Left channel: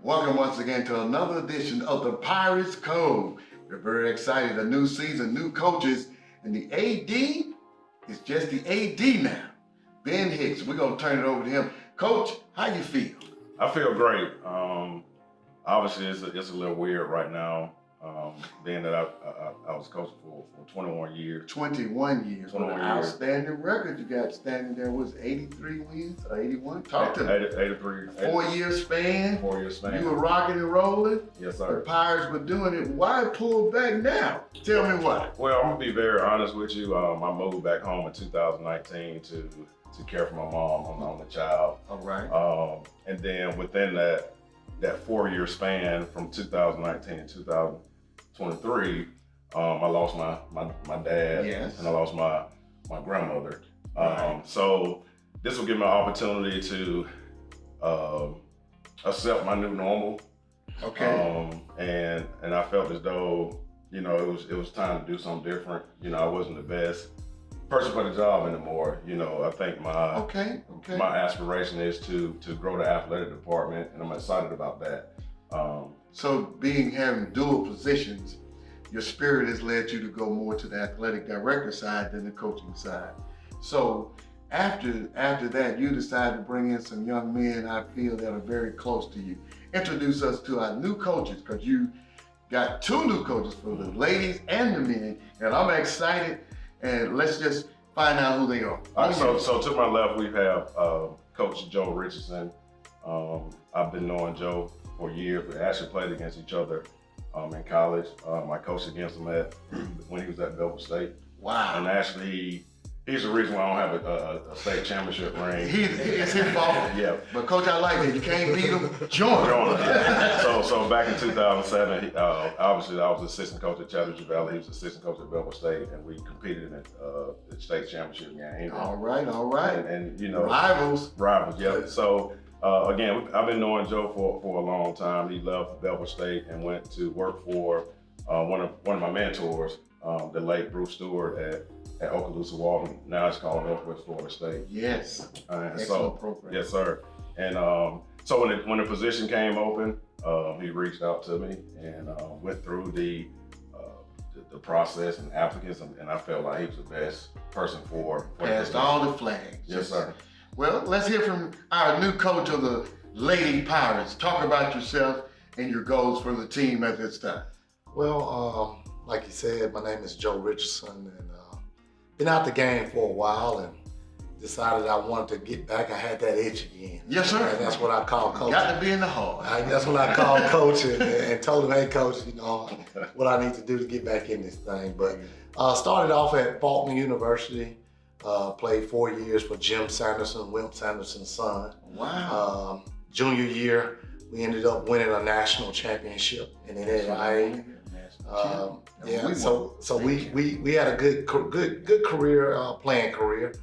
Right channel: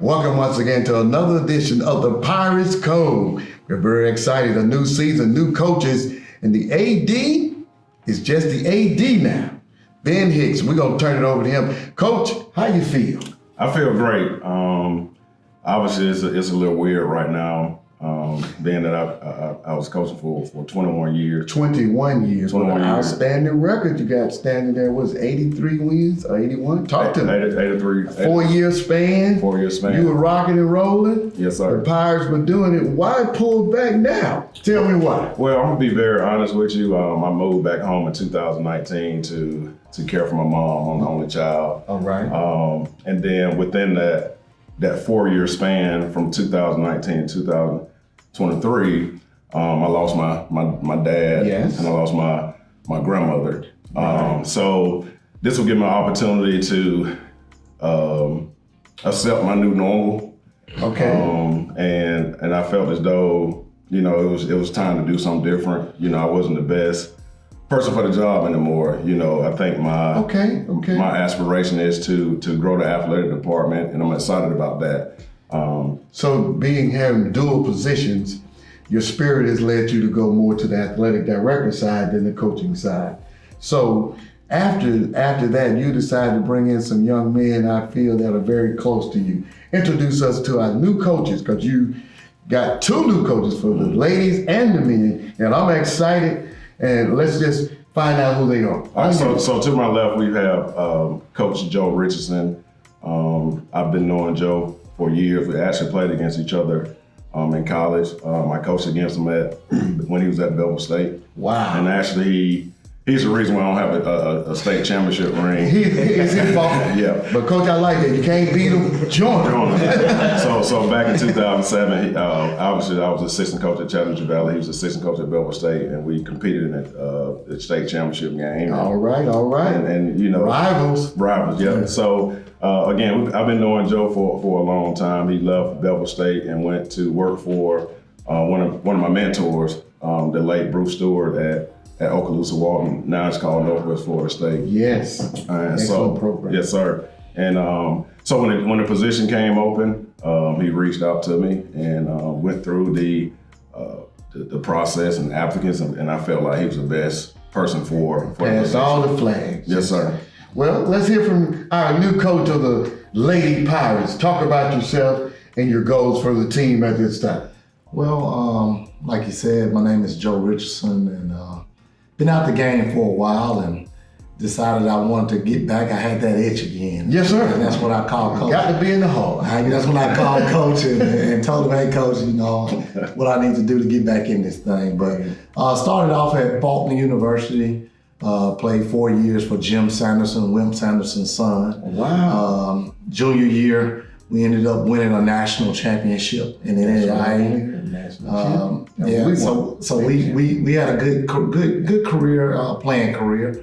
Welcome once again to another edition of the Pirates Cove. We're very excited. A new season, new coaches, and the AD is just the AD now. Ben Hicks, we're going to turn it over to him. Coach, how you feel? I feel great. Obviously, it's a little weird right now, being that I was coaching for 21 years. 21 years. 21 years. Outstanding record you got standing there. Was 83 wins or 81? Talk to me. 83. 4-year span. 4-year span. You were rocking and rolling. Yes, sir. The Pirates were doing it. Why pull back now? Tell me why. Well, I'm going to be very honest with you. I moved back home in 2019 to care for my mom. I'm the only child. All right. And then within that 4-year span from 2019 to 2023, I lost my dad. Yes. And I lost my grandmother. Right. So this will give me an opportunity to accept my new normal. Okay. And I felt as though, it was time to do something different. I wasn't the best person for the job anymore. I think my aspiration is to grow the athletic department, and I'm excited about that. So having dual positions, your spirit has led you to go more to the athletic director side than the coaching side. So after that, you decided to bring in some young men I feel that are very close to you. Introduce us to our new coaches, because you got 2 new coaches for the ladies and the men, and I'm excited. And let's just find out who they are. All right, so to my left, we have Coach Joe Richardson. I've been knowing Joe for years. We actually played against each other in college. I coached against him when he was at Bevel State. Wow. And actually, he's the reason why I don't have a state championship ring. It's his fault. Yeah. But Coach, I like it. You can't beat him, join him. So back in 2007, obviously I was assistant coach at Chattanooga Valley. He was assistant coach at Bevel State, and we competed in the state championship game. All right. And Rivals. Yeah. So again, I've been knowing Joe for a long time. He left Bevel State and went to work for one of my mentors, the late Bruce Stewart at Okaloosa Walton. Now it's called Northwest Florida State. Yes. Excellent program. Yes, sir. And so when the position came open, he reached out to me and went through the process and applicants, and I felt like he was the best person for Passed all the flags. Yes, sir. Well, let's hear from our new coach of the Lady Pirates. Talk about yourself and your goals for the team at this time. Well, like you said, my name is Joe Richardson, and been out the game for a while and decided I wanted to get back. I had that itch again. Yes, sir. And that's what I call coaching. Got to be in the hall. That's what I call coaching, and told him, hey, coach, what I need to do to get back in this thing. But started off at Faulkner University, played 4 years for Jim Sanderson, Wimp Sanderson's son. Wow. Junior year, we ended up winning a national championship in the NAIA. So we had a good career, playing career,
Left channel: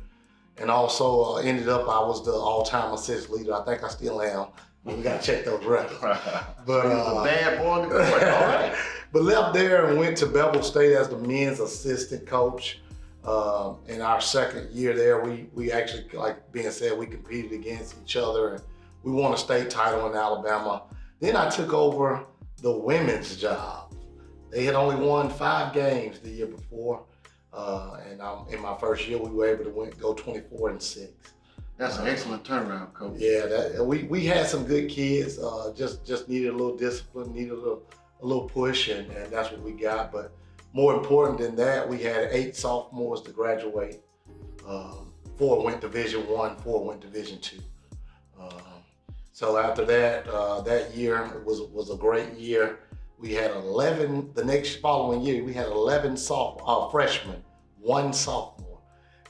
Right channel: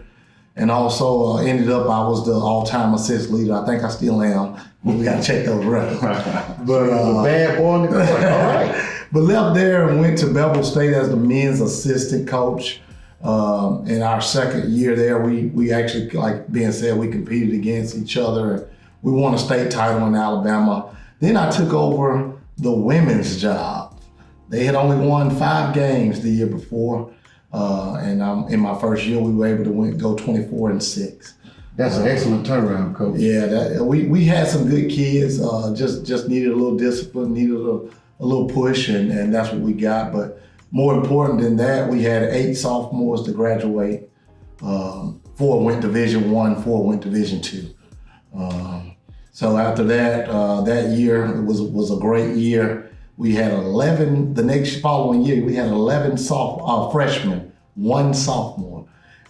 and also ended up I was the all-time assist leader. I think I still am. We got to check those records. But a bad boy. All right. But left there and went to Bevel State as the men's assistant coach. In our second year there, we actually, like being said, we competed against each other. We won a state title in Alabama. Then I took over the women's job. They had only won 5 games the year before, and in my first year, we were able to go 24-6. That's an excellent turnaround, Coach. Yeah, we had some good kids. Just needed a little discipline, needed a little push, and that's what we got. But more important than that, we had 8 sophomores to graduate. 4 went Division I, 4 went Division II. So after that, that year was a great year. We had 11, the next following year, we had 11 freshmen, 1 sophomore,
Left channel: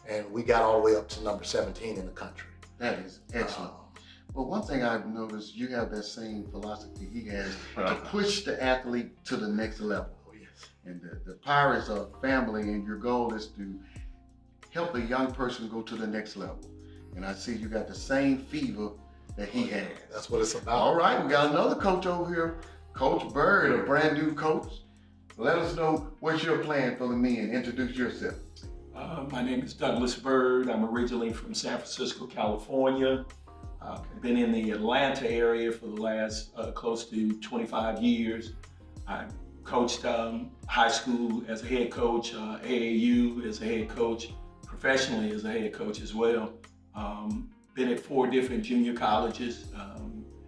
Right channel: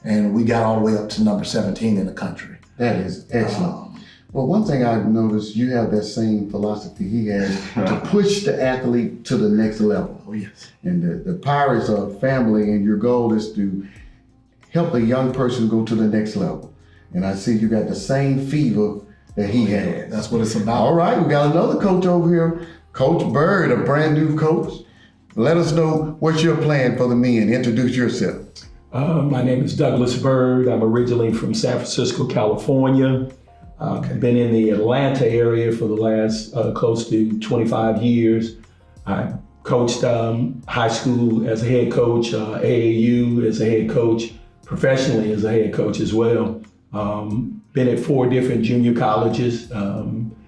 and we got all the way up to number 17 in the country. That is excellent. Well, one thing I've noticed, you have that same philosophy he has to push the athlete to the next level. Oh, yes. And the Pirates are a family, and your goal is to help a young person go to the next level. And I see you got the same fever that he had. That's what it's about. All right, we got another coach over here, Coach Bird, a brand new coach. Let us know what you're playing for the men. Introduce yourself. My name is Douglas Bird. I'm originally from San Francisco, California. Been in the Atlanta area for the last close to 25 years. I coached high school as a head coach, AAU as a head coach, professionally as a head coach as well. Been at 4 different junior colleges,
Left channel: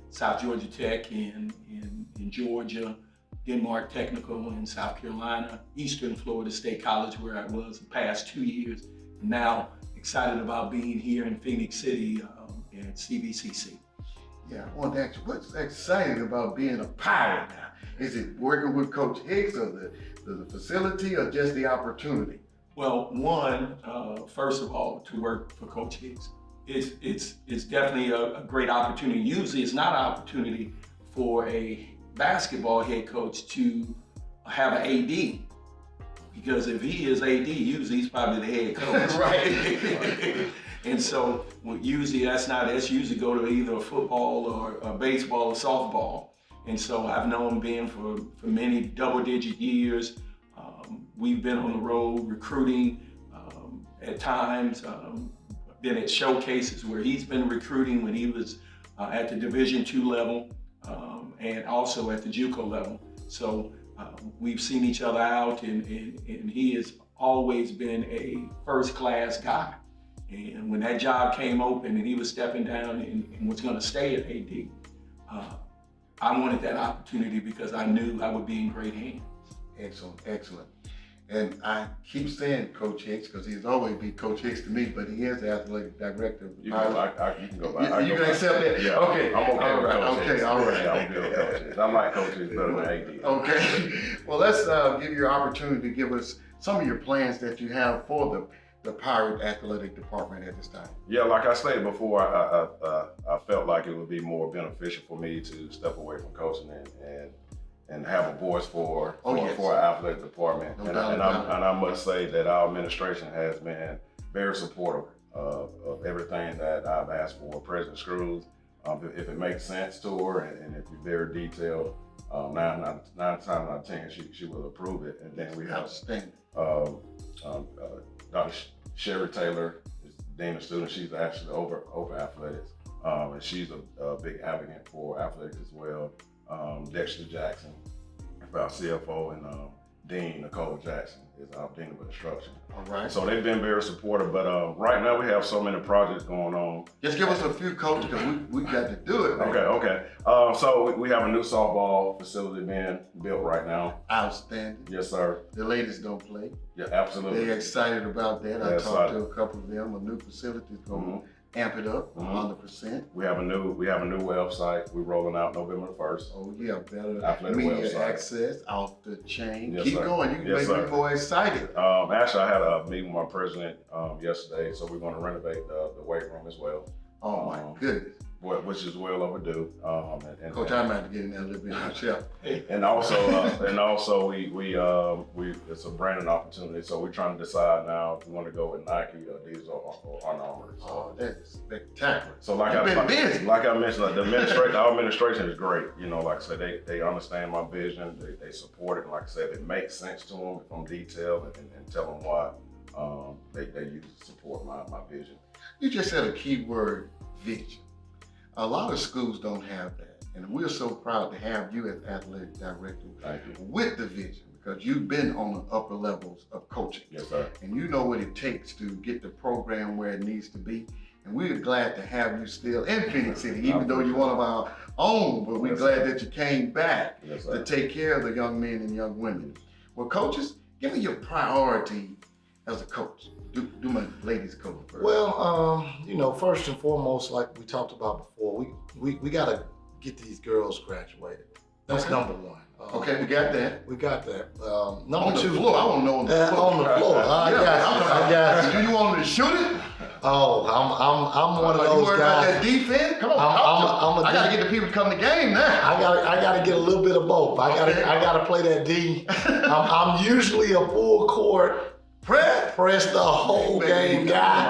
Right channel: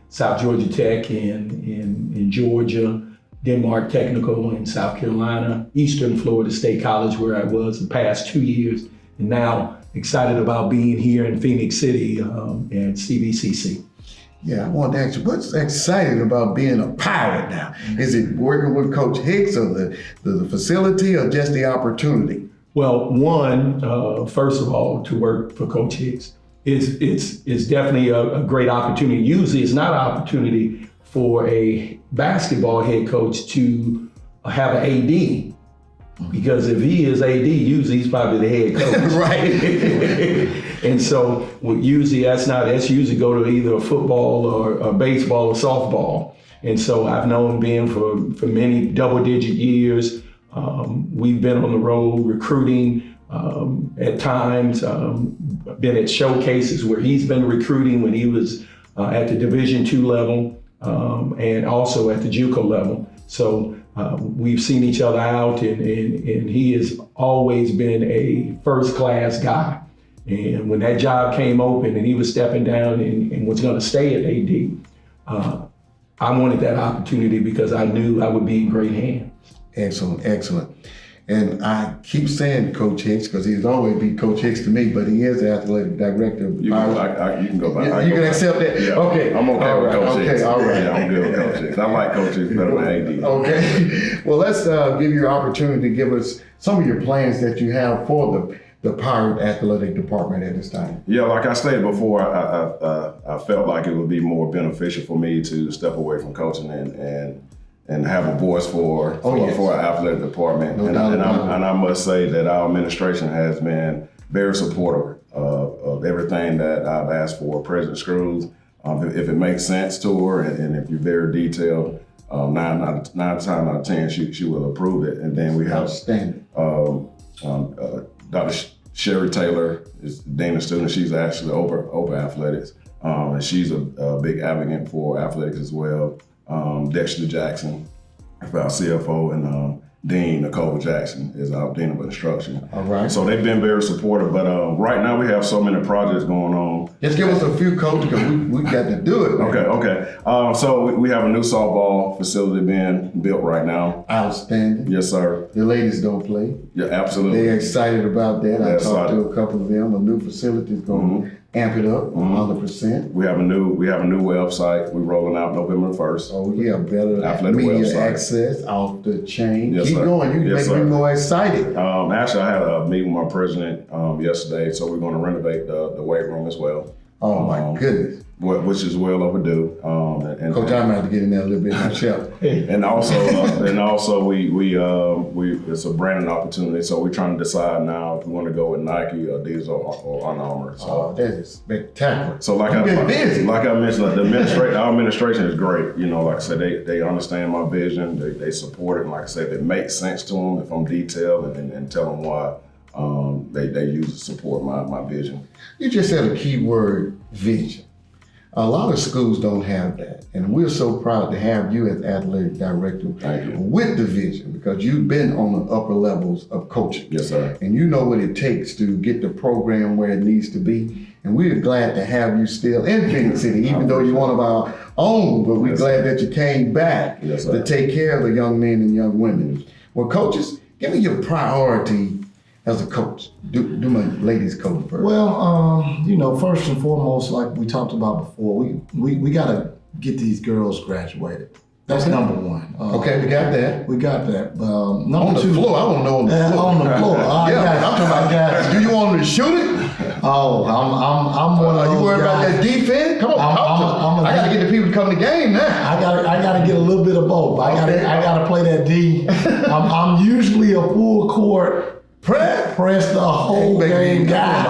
South Georgia Tech in Georgia, Denmark Technical in South Carolina, Eastern Florida State College where I was the past 2 years, and now excited about being here in Phoenix City at CVCC. Yeah, I wanted to ask you, what's exciting about being a Pirate now? Is it working with Coach Hicks or the facility or just the opportunity? Well, one, first of all, to work for Coach Hicks it's definitely a great opportunity. Usually it's not an opportunity for a basketball head coach to have an AD. Because if he is AD, usually he's probably the head coach. Right. And so usually that's usually go to either football or baseball or softball. And so I've known Ben for many double-digit years. We've been on the road recruiting at times, been at showcases where he's been recruiting when he was at the Division II level and also at the JUCO level. So we've seen each other out, and he has always been a first-class guy. And when that job came open and he was stepping down and was going to stay at AD, I wanted that opportunity because I knew I would be in great hands. Excellent, excellent. And I keep saying Coach Hicks because he's always been Coach Hicks to me, but he is the athletic director. You can go by. You can accept that? Yeah. Okay. I'm okay with Coach Hicks. Okay, all right. Yeah, I'm good with Coach Hicks. I like Coach Hicks better than AD. Okay. Well, let's give you an opportunity to give us some of your plans that you have for the Pirate Athletic Department at this time. Yeah, like I stated before, I felt like it would be more beneficial for me to step away from coaching and have a voice for our athletic department. And I must say that our administration has been very supportive of everything that I've asked for. President Screws, if it makes sense to her and if you're very detailed, 9 times out of 10, she will approve it. And then we have Dr. Sherry Taylor is Dean of Students. She's actually over athletics, and she's a big advocate for athletics as well. Dexter Jackson, our CFO, and Dean Nicole Jackson is our Dean of Instruction. All right. So they've been very supportive, but right now we have so many projects going on. Just give us a few, Coach, because we got to do it, man. Okay. So we have a new softball facility being built right now. Outstanding. Yes, sir. The ladies don't play. Yeah, absolutely. They're excited about that. I talked excited. to a couple of them. A new facility is going to amp it up 100%. We have a new website. We're rolling out November 1st. Oh yeah, better Athletic media website. Access off the chain. Yes, Keep sir. going. You Yes, make sir. me more excited. Actually, I had a meeting with my president yesterday, so we're going to renovate the weight room as well. Oh my goodness. Which is well overdue. And Coach, I'm going to get in there a little bit myself. And also, we it's a branding opportunity. So we're trying to decide now if we want to go with Nike, Adidas, or Under Armour. So that is spectacular. So like I mentioned, our administration is great. You know, like I said, they understand my vision. They support it. And like I said, if it makes sense to them, if I'm detailed and tell them why, they use to support my vision. You just said a key word, vision. A lot of schools don't have that. And we're so proud to have you as athletic director with the vision, because you've been on the upper levels of coaching. Yes, sir. And you know what it takes to get the program where it needs to be. And we're glad to have you still in Phoenix City, even though you're one of our own, but we're glad that you came back to take care of the young men and young women. Well, coaches, give me your priority as a coach. Do my ladies coach first. Well, first and foremost, like we talked about before, we got to get these girls graduated. That's number one. Okay, we got that. We got that. Number on the two, floor. I want to know on the floor. On the floor. I got you. Do you want me to shoot it? Oh, I'm one of those you worried about guys. that defense? Come on, I gotta get the people to come to the game now. I gotta get a little bit of both. I gotta play that D. I'm usually a full court press the whole game guy.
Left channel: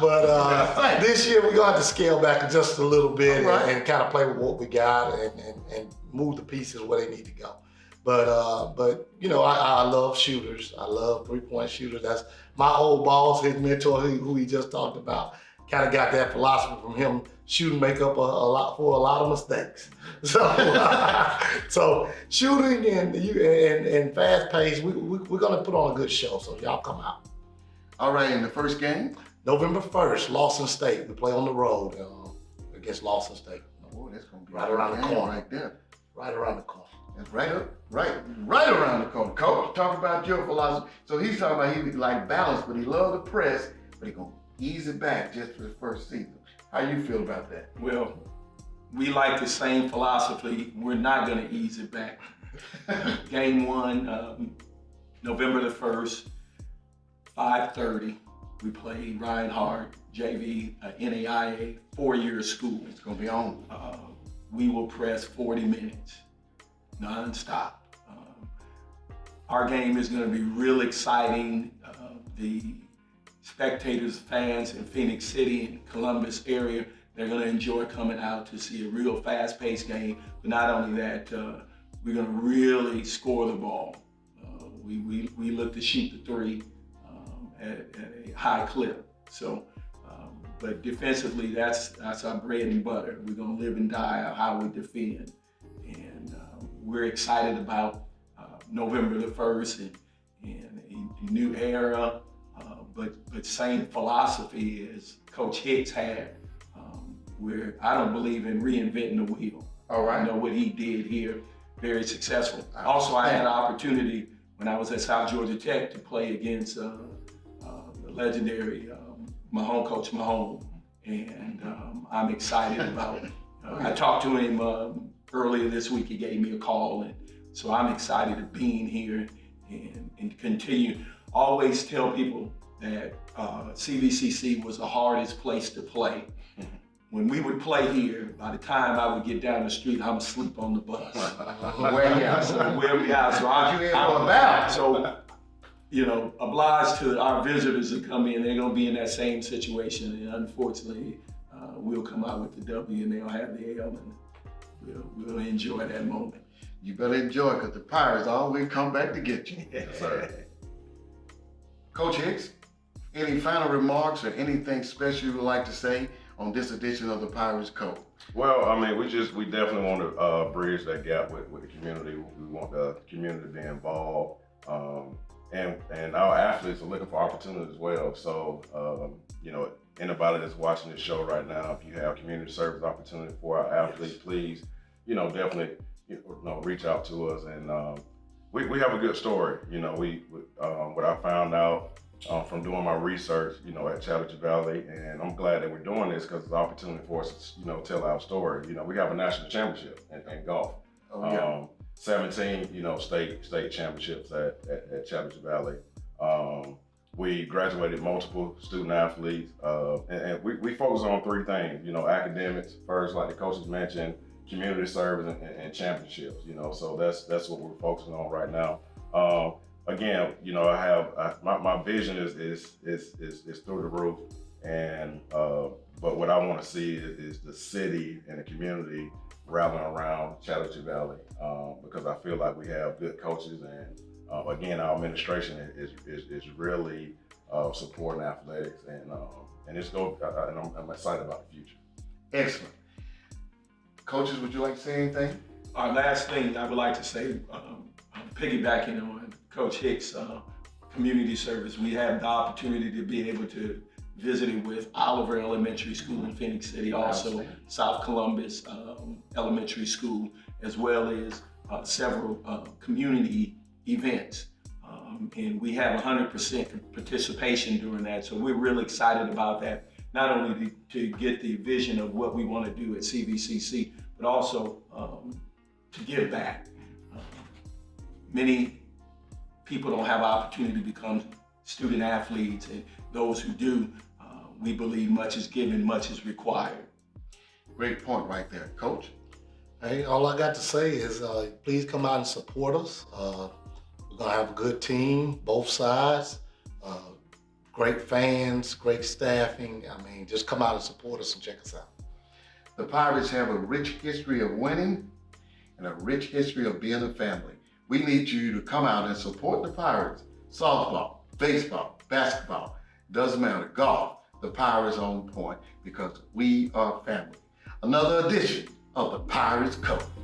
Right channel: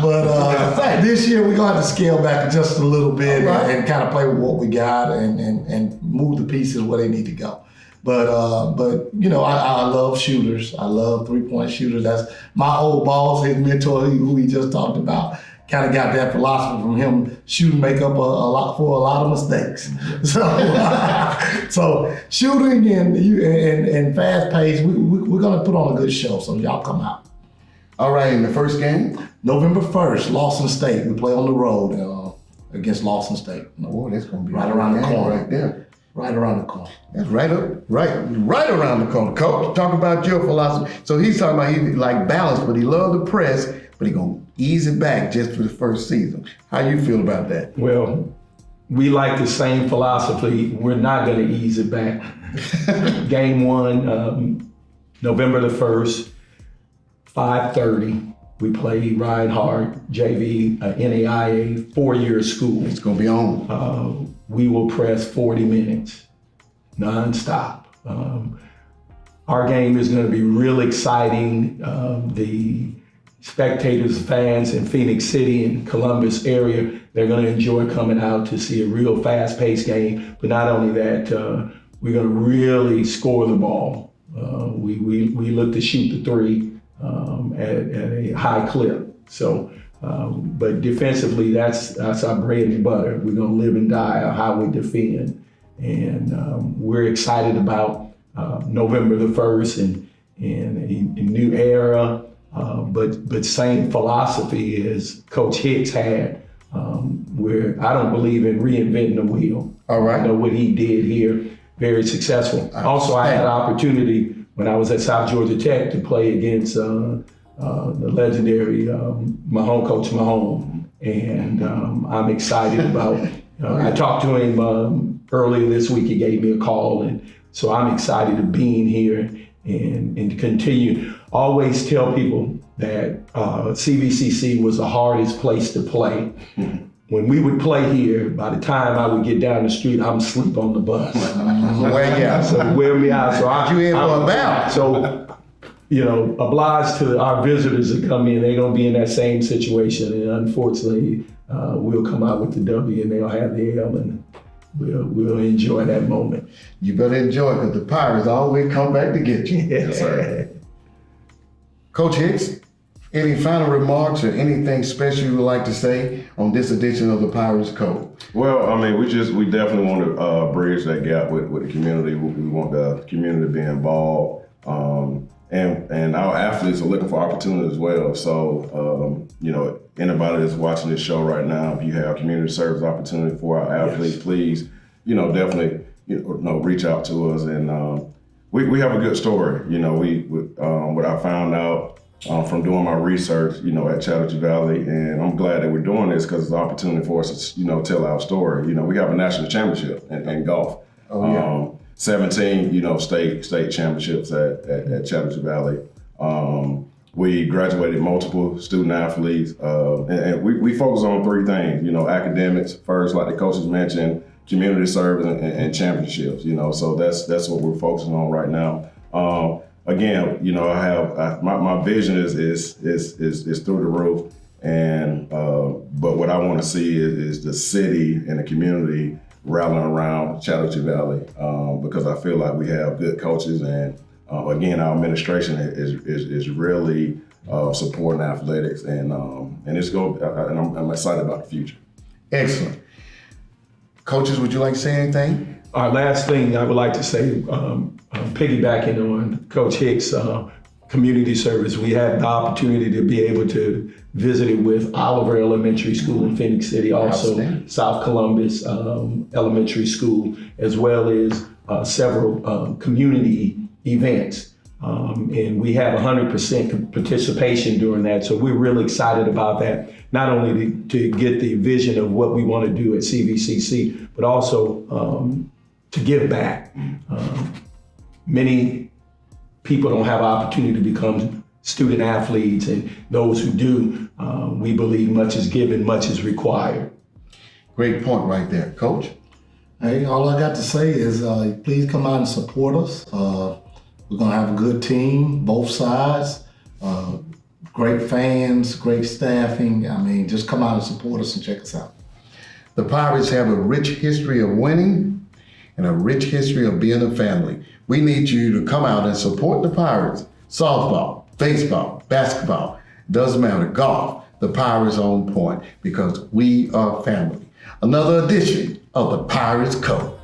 But this year we're gonna have to scale back just a little bit and kind of play with what we got and move the pieces where they need to go. But I love shooters. I love 3-point shooters. That's my old boss, his mentor, who he just talked about. kind of got that philosophy from him. Shooting make up a lot of mistakes. So shooting and fast pace, we're gonna put on a good show. So y'all come out. All right, in the first game? November 1st, Lawson State. We play on the road against Lawson State. Oh, that's gonna be right around the corner. Right there. Right around the corner. That's right around the corner. Coach, talk about your philosophy. So he's talking about he like balance, but he loves the press, but he gonna ease it back just for the first season. How you feel about that? Well, we like the same philosophy. We're not gonna ease it back. Game 1, November the 1st, 5:30. We play Ryan Hart, JV, NAIA, 4-year school. It's gonna be on. We will press 40 minutes, nonstop. Our game is gonna be real exciting. The spectators, fans in Phoenix City and Columbus area, they're gonna enjoy coming out to see a real fast-paced game. But not only that, we're gonna really score the ball. We look to shoot the 3 at a high clip. So, but defensively, that's our bread and butter. We're gonna live and die on how we defend. And we're excited about November the 1st and a new era, but same philosophy as Coach Hicks had, where I don't believe in reinventing the wheel. All right. I know what he did here, very successful. Also, I had the opportunity when I was at South Georgia Tech to play against the legendary Coach Mahone. And I'm excited about, I talked to him earlier this week, he gave me a call. And so I'm excited to being here and to continue. Always tell people that CVCC was the hardest place to play. When we would play here, by the time I would get down the street, I'm asleep on the bus. Wear me out. So So, obliged to our visitors that come in, they're gonna be in that same situation. And unfortunately, we'll come out with the W and they'll have the L and we'll enjoy that moment. You better enjoy it because the Pirates always come back to get you. Yes, sir. Coach Hicks, any final remarks or anything special you would like to say on this edition of the Pirates Cove? Well, I mean, we definitely want to bridge that gap with the community. We want the community to be involved, and our athletes are looking for opportunity as well. So, anybody that's watching this show right now, if you have community service opportunity for our athletes, please, definitely, reach out to us. And we have a good story. What I found out from doing my research, at Chattahoochee Valley, and I'm glad that we're doing this because it's an opportunity for us to, tell our story. We have a national championship in golf. 17, state championships at Chattahoochee Valley. We graduated multiple student athletes, and we focus on 3 things. Academics first, like the coaches mentioned, community service, and championships. So that's what we're focusing on right now. Again, my vision is through the roof, and but what I want to see is the city and the community rallying around Chattahoochee Valley, because I feel like we have good coaches, and again, our administration is really supporting athletics, and I'm excited about the future. Excellent. Coaches, would you like to say anything? Our last thing I would like to say, piggybacking on Coach Hicks' community service, we had the opportunity to be able to visit it with Oliver Elementary School in Phoenix City, also South Columbus Elementary School, as well as several community events. And we have 100% participation during that. So we're really excited about that, not only to get the vision of what we want to do at CVCC, but also to give back. Many people don't have opportunity to become student athletes, and those who do, we believe much is given, much is required. Great point right there, Coach. Hey, all I got to say is please come out and support us. We're gonna have a good team, both sides, great fans, great staffing. I mean, just come out and support us and check us out. The Pirates have a rich history of winning and a rich history of being a family. We need you to come out and support the Pirates. Softball, baseball, basketball, doesn't matter, golf. the Pirates on point, because we are family. Another edition of the Pirates Cove.